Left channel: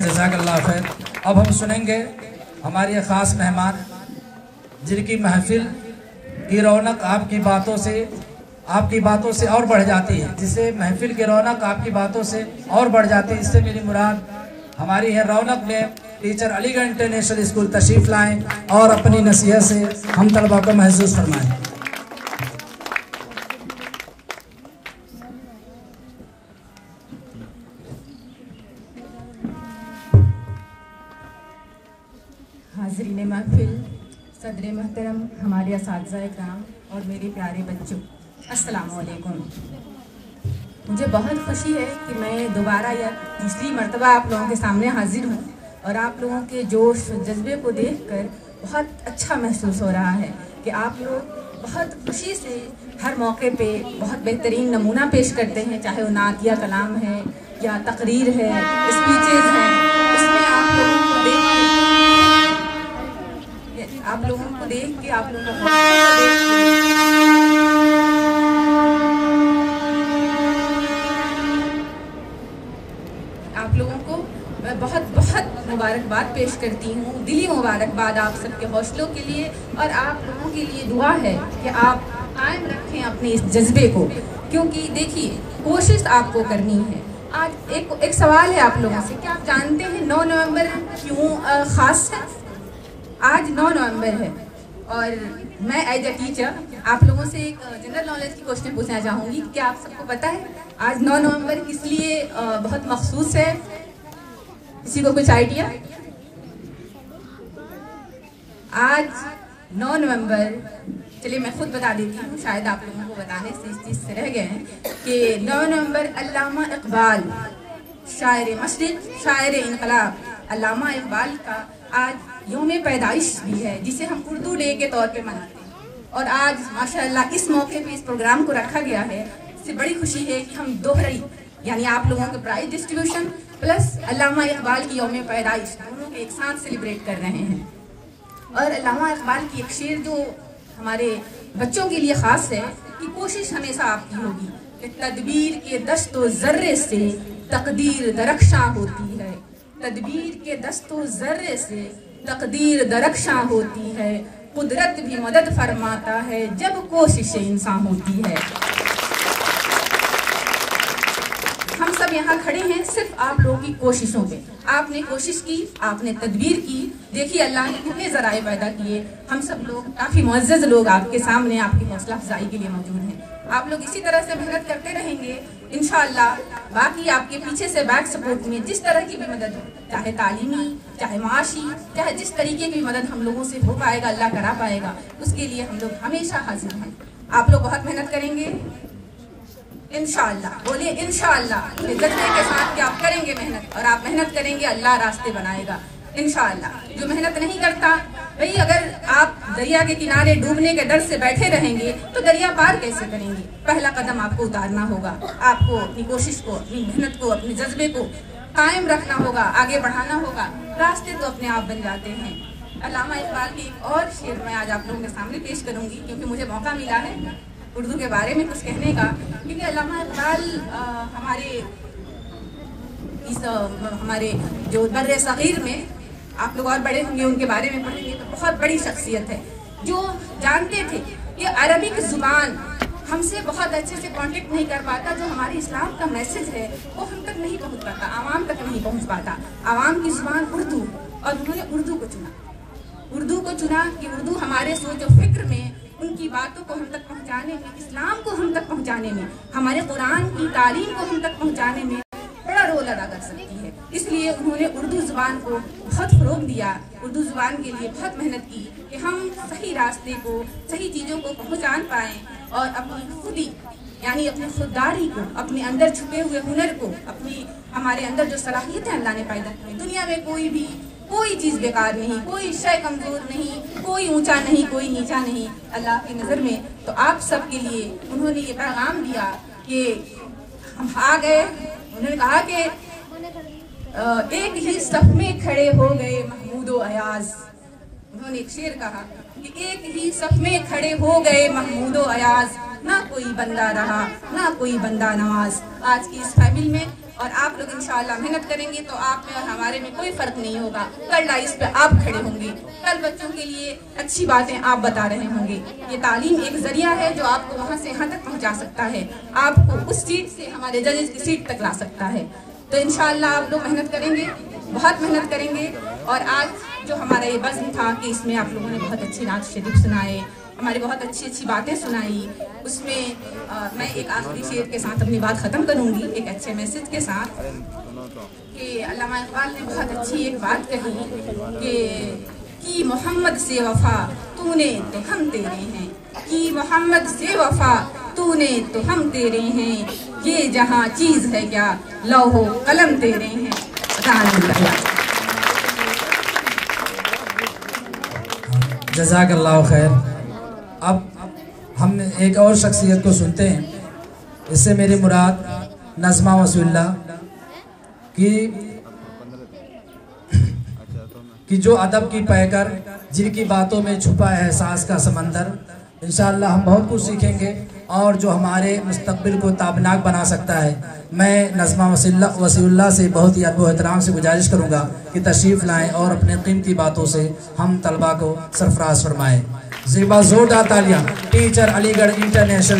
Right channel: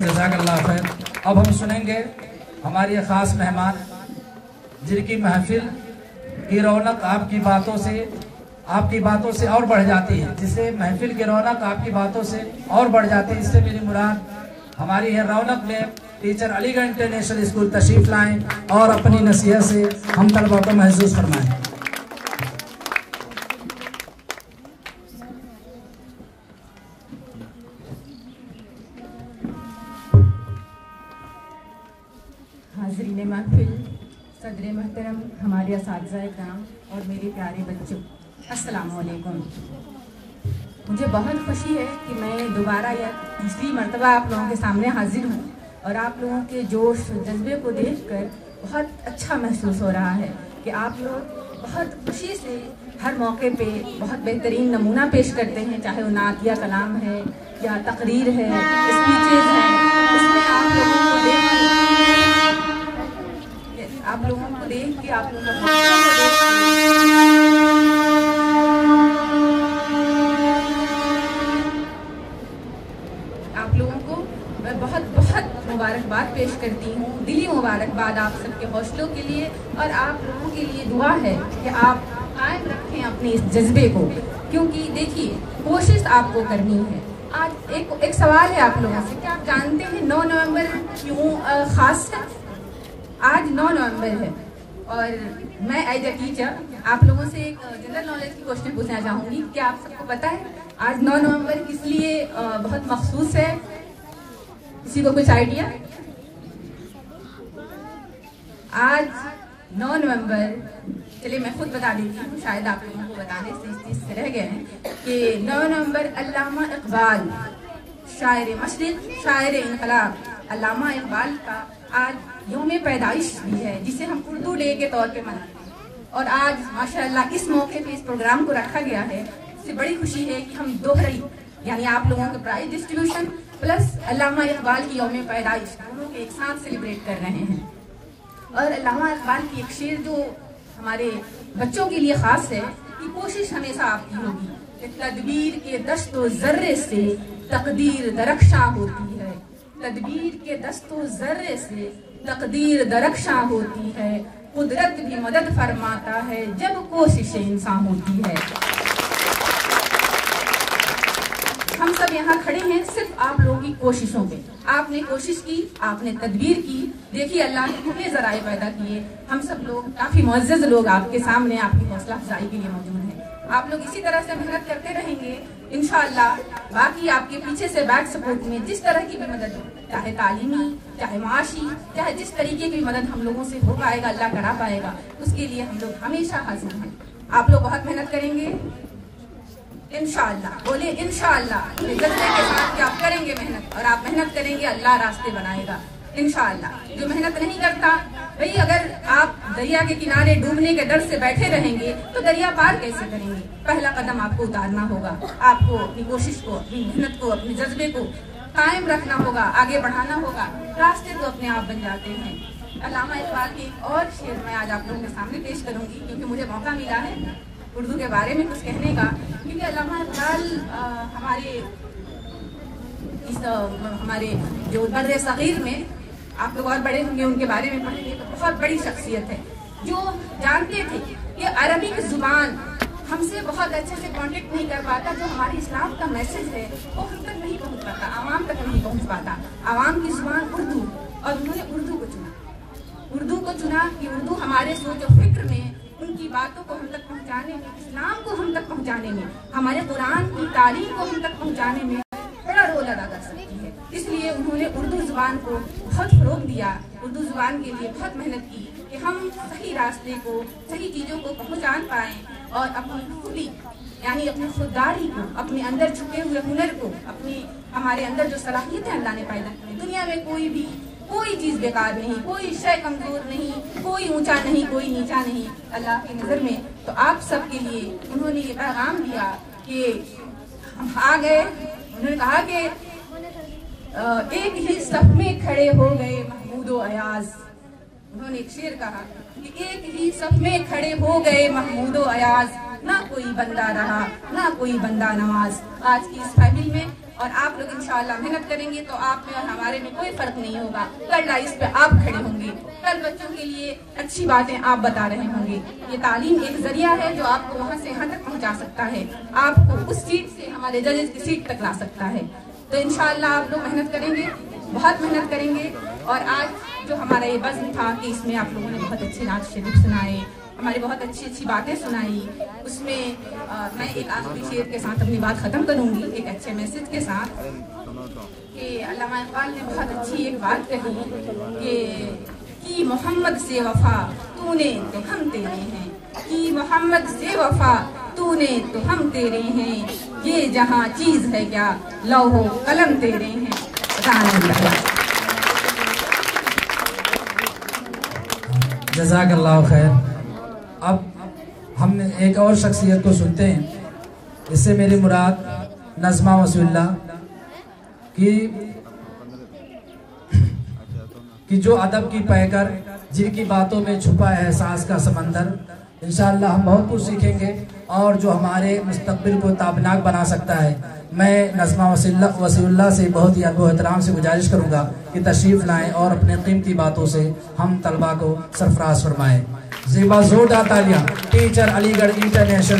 जज़ाकल्लाह खैर। अब हम सुनेंगे हमारे ख़ास मेहमान जिनकी महफिल की रौनक आपकी बातों से और बढ़ जाती है, जिससे महफिल की रौनक आपकी बातों से और बढ़ जाती है। इससे मेरी मुराद हमारी है रौनक में टीचर अलीगढ़ इंटरनेशनल स्कूल तशरीफ लाएं और अपनी नसीहत से हम तलबा को महसूस फरमाएं। हाज़रीन महफिल, सदर मोहतरम, हमारे असातिज़ा इकराम और मेरे प्यारे बच्चों, अस्सलामु अलैकुम। मुझे बहुत खुशी है कि मैं दोबारा या तीसरी मरतबा आप लोगों के सामने हाजिर हूँ और आप लोगों के जोश जज्बे को देखकर बहुत अच्छा महसूस हो रहा है कि आप लोग बहुत खुशी से हर मौके पे बहुत बेहतरीन नमूना पेश करते हैं, चाहे वो नात या कलाम है या तकरीर है, स्पीचेज़ हैं। उसमें आप लोगों को देख के आप लोगों को मैं बहुत बहुत मुबारकबाद पेश करती हूँ। दिली मुबारकबाद आप सबके हौसलों के लिए, और आप लोगों के लिए दुआ है कि आप कायम रखें अपने इस जज्बे को, क्योंकि देखिए कोशिश आपको करनी है। आज एक सवाल है आप लोगों से, क्या आप जानते हैं 9 नवंबर क्यों खास है? आज 9 नवंबर है और मैं एज ए टीचर आप लोगों से एक जनरल नॉलेज की क्वेश्चन पूछना चाहूँगी। क्या आप सबको पता है आज 9 नवंबर किस लिए बहुत मखसूस है? किसी को कुछ आइडिया? आज 9 नवंबर, चलिए मैं खुद बता देती हूँ, शायद आप लोगों को बताने से इस चीज़ से रह गए हैं कि 9 नवंबर अल्लामा इकबाल, शायर मशरिक, शायर इनकलाब, अल्लामा इकबाल का आज यौम पैदाइश भी है, जिसे हम उर्दू डे के तौर पे मनाते हैं। और आज माशाअल्लाह इस मौके पे इस प्रोग्राम को रखा गया है। इससे बड़ी खुशी है कि हम दोहरी, यानी आप लोगों के प्राइज डिस्ट्रीब्यूशन प्लस अल्लामा इकबाल की यौम पैदाइश दोनों के एक साथ सेलिब्रेट कर रहे हैं। और अल्लामा इकबाल की एक शेर जो हमारे बच्चों के लिए खास है कि कोशिश हमेशा आपकी होगी कि तदबीर के दस्तो जर्रे से तकदीर दरख्शां होती है। तदबीर के दस्तो जर्रे से तकदीर दरख्शां होती है। कुदरत भी मदद फरमाता है जब कोशिश इंसान होती है। हम सब यहाँ खड़े हैं सिर्फ आप लोगों की कोशिशों पे। आपने कोशिश की, आपने तदबीर की, देखिए अल्लाह ने कितने जराए पैदा किए। हम सब लोग काफी मुअज़्ज़ज़ लोग आपके सामने आपकी हौसला अफजाई के लिए मौजूद हैं। आप लोग इसी तरह से मेहनत करते रहेंगे इंशाअल्लाह। बाकी आपके पीछे से बैक सपोर्ट में जिस तरह की भी मदद, चाहे तालीमी, चाहे माशी, चाहे जिस तरीके की मदद हम लोगों से हो पाएगा, अल्लाह करा पाएगा, उसके लिए हम लोग हमेशा हाजिर हैं। आप लोग बहुत मेहनत करेंगे इंशाअल्लाह। बोलिए इंशाअल्लाह। जज्बे के साथ कि आप करेंगे मेहनत, और आप मेहनत करेंगे अल्लाह रास्ते बनाएगा इंशाअल्लाह। जो मेहनत नहीं करता भाई, अगर आप दरिया के किनारे डूबने के डर से बैठे रहेंगे तो दरिया पार कैसे करेंगे? पहला कदम आपको उतारना होगा। आपको अपनी कोशिश को, अपनी मेहनत को, अपने जज्बे को कायम रखना होगा, आगे बढ़ाना होगा। रास्ते तो अपने आप बन जाते हैं। अल्लामा इकबाल की एक और शेर मैं आज आप लोगों के सामने पेश करूंगी, क्योंकि मुझे मौका मिला है उर्दू के बारे में कुछ कहने का। क्योंकि अल्लामा इकबाल हमारे जो बर्रे सगीर में, आप लोग और बड़े होंगे उनके बारे में पढ़ेंगे तो बहुत बड़ी शख्सियत है, जो जानते थे कि अरबिक जुबान हमसे बहुत अच्छे से कांटेक्ट नहीं कर पाता। जो हमारे इस्लाम का मैसेज है वो हम तक नहीं पहुंच पाता, आवाम तक नहीं पहुंच पाता। आवाम की जुबान उर्दू, और उन्होंने उर्दू को चुना कि उर्दू हमारे सोच और फिक्र में, उनकी बातों को हम तक पहुंचाने में, इस्लाम को हम तक पहुंचाने में, हमारे कुरान की तालीम को हम तक पहुंचाने में बड़ा रोल अदा कर सकती है। इसलिए उन्होंने उर्दू जुबान को बहुत फरोग दिया, उर्दू जुबान के लिए बहुत मेहनत की कि हम सही रास्ते को, सही चीज़ों को पहचान पाएं और अपनी खुदी, यानी अपनी खुददारी को, अपने अंदर छुपे हुए हुनर को, अपनी हमारे अंदर जो सलाहियतें अल्लाह ने पैदा की। दुनिया में कोई चीज़ बेकार नहीं, कोई शय कमजोर नहीं, कोई ऊंचा नहीं, कोई नीचा नहीं अल्लाह की नज़र में। तो आप सब के लिए उन्होंने ये पैगाम दिया कि हम आ गए। उन्होंने कहा कि एक ही सफ में खड़े हो गए महमूद व अयाज। उन्होंने एक शेर कहा कि एक ही सफ में खड़े हो गए महमूद व अयाज, ना कोई बंदा रहा ना कोई बंदा नवाज। आज की इस फैमिली में और आप लोग इंशाअल्लाह मेहनत करेंगे तो आप में और हमारे में कोई फर्क नहीं होगा। कल लाइफ पे आप खड़े होंगे, कल बच्चों के लिए अच्छी बातें आप बता रहे होंगे। ये तालीम एक जरिया है जो आपको वहाँ से यहाँ तक पहुँचा सकता है, आपको उस सीट से हमारे जजेस की सीट तक ला सकता है। तो इंशाअल्लाह आप लोग मेहनत करेंगे, बहुत मेहनत करेंगे। और आज जो हमारा ये बज़्म था कि इसमें आप लोगों ने बहुत अच्छी नात शरीफ सुनाए, हमारी बहुत अच्छी अच्छी बातें सुनाई। उसमें मैं एक आखिरी शेर के साथ अपनी बात ख़त्म करूँगी, एक अच्छे मैसेज के साथ कि अल्लामा इकबाल ने बहुत अच्छी एक बात कही कि मोहम्मद से वफा तूने तो हम तेरे हैं, कि मोहम्मद से वफा तूने तो हम तेरे हैं, ये जहाँ चीज है क्या लौहो कलम तेरे हैं। जज़ाकल्लाहु खैर। अब हम एक और शख्सियत को सुनते हैं। इससे मेरी मुराद नज़मा वसीउल्लाह कि जो अदब की पैकर, जिनकी बातों में छुपा है एहसास का समंदर। इंशाअल्लाह हम बहुत कुछ सीखेंगे और जो हमारे मुस्तक़बिल को ताबनाक बना सकता है। मैं नज़मा वसीउल्लाह से बहुत ही अदब एहतराम से गुजारिश करूँगा कि तशरीफ़ लाएँ और अपने कीमती बातों से हम तलबा को सरफराज फरमाएँ। ज़िबा जोरदार तालियां टीचर अलीगढ़ इंटरनेशनल